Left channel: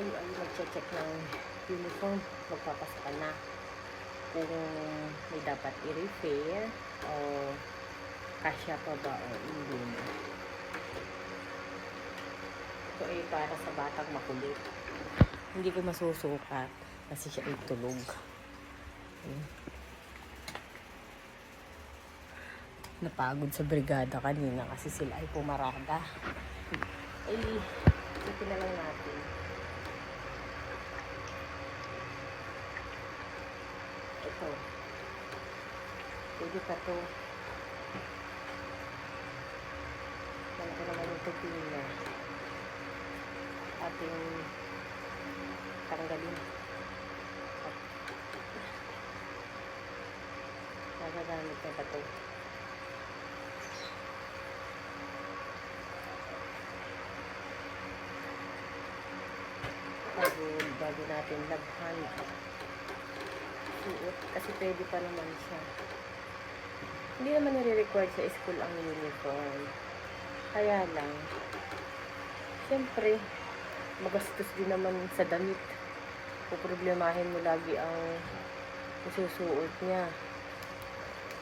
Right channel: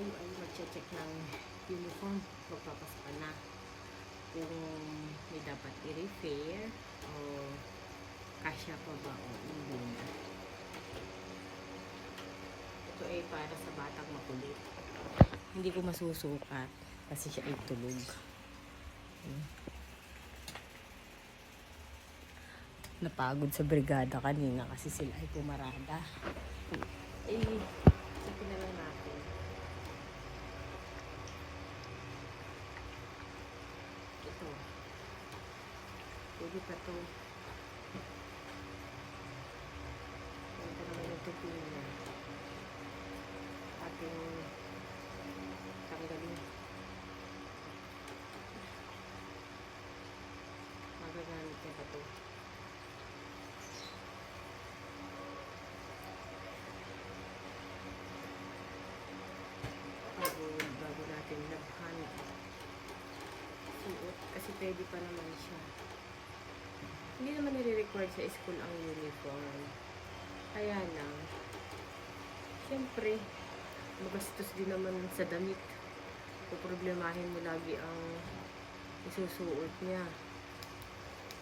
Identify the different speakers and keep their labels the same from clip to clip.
Speaker 1: tayo ay mag-check ng uniform, magpapasok ka na. Kung may dapat i-repair o kasya pa ba o hindi na. Ito ay para sa batang makulit. Hindi ko masusukat kasi siya ay tulog. Ayan. Napagod sa brigada kanina kasi sila ay pumarada. Ay, ito na lang natin. Ito. Pwede pa to. Yan ko naman yung tupi niya. Ating tanggalin. Nagagamit na ba to? bago, bago natin labhan suot kasi pwede pa naman siya. Hindi naman nire-required sa school ang uniform. Kaya lang syempre magastos din naman sa damit. Puproblemahin mo lagi ang isusuot niya.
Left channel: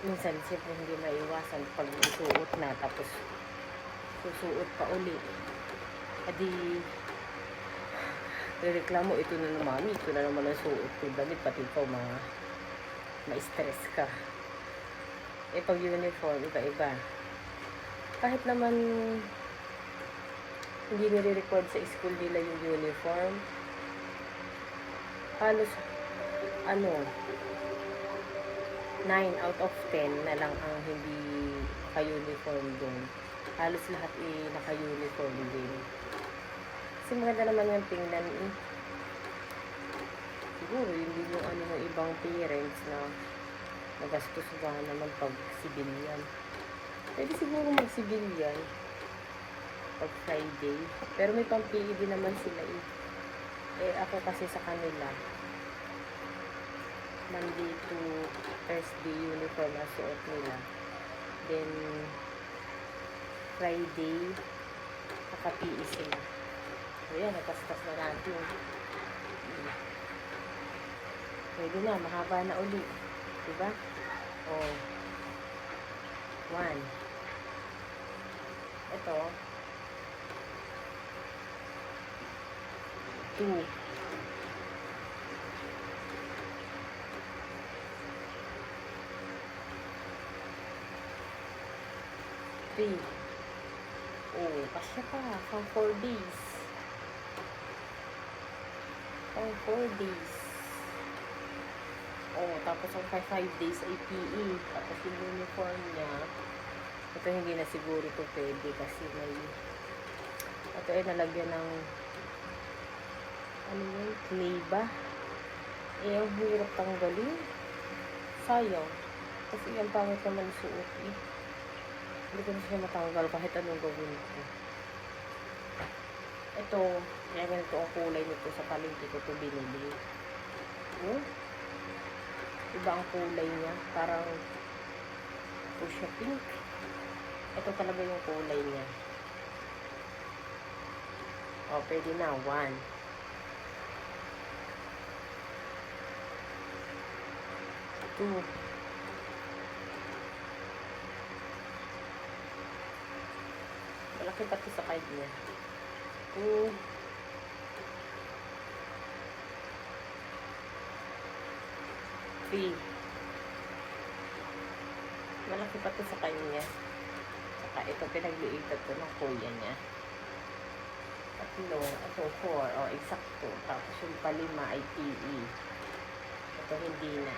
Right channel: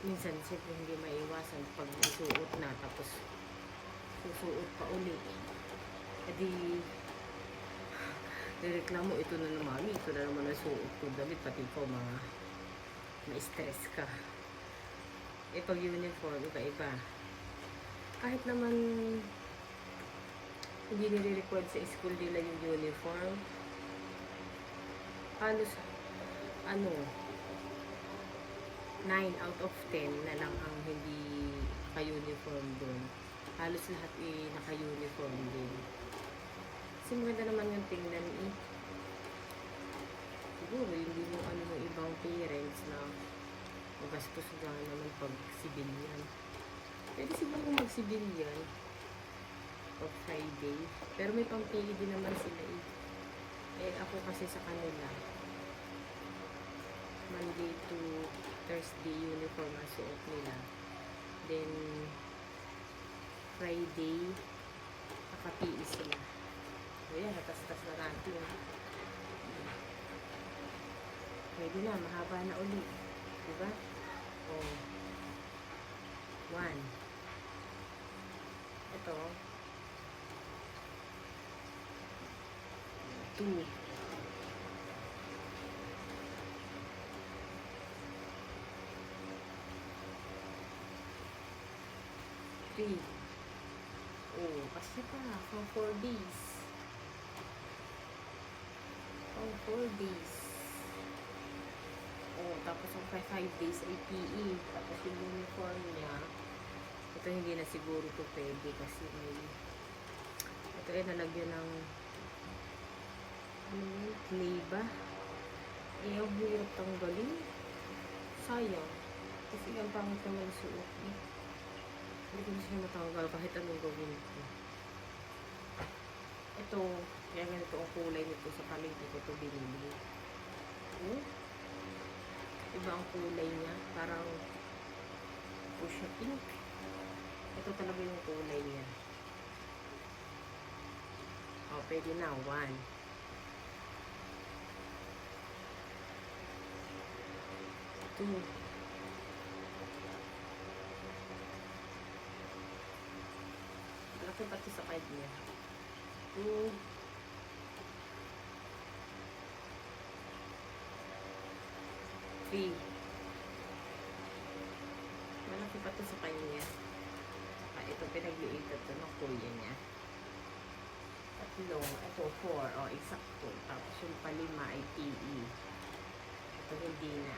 Speaker 1: Minsan syempre hindi maiwasan pag isuot na tapos susuot pa uli. Adi reklamo ito na naman. Ito na naman ang suot ko. Damit pati ikaw ma ma-stress ka. Eh pag uniform iba iba kahit naman hindi nire-record sa school nila yung uniform halos ano 9 out of 10 na lang ang hindi naka-uniform doon halos lahat eh naka-uniform din kasi maganda naman yung tingnan eh. Siguro, yun din yung ano ng ibang parents na nagastos ba naman pag civilian. Pwede siguro mag civilian pag Friday. Pero may pampili din naman sila eh. Eh ako kasi sa kanila, Monday to Thursday uniform ang suot nila. Then, Friday, naka-PE sila. Ayan, natastas na natin. Pwede na, mahaba na uli. Diba? O. One. Ito. Two. Three. Oh, kasya pa. Pang four days. Pang 4 days. Oh, tapos ang 5 days ay PE. Tapos yung uniform niya, ito hindi na siguro to pwede kasi may ito ay nalagyan ng ano yun, clay ba? Eh, ang hirap tanggalin. Sayang. Kasi ang pangit naman suot eh. Hindi ko na siya matanggal kahit anong gawin ko. Ito, kaya ganito ang kulay nito sa palengke ko ito binili. Oh, iba ang kulay niya. Parang fuchsia pink. Ito talaga yung kulay niya. Oh, pwede na. One. Two. Malaki pati sa card niya. Two. Three. Malaki pa to sa kanya. Saka ito, pinagliitan to ng kuya niya. Tatlo. Ito, four. O, eksakto. Tapos yung palima ay PE. Ito, hindi na.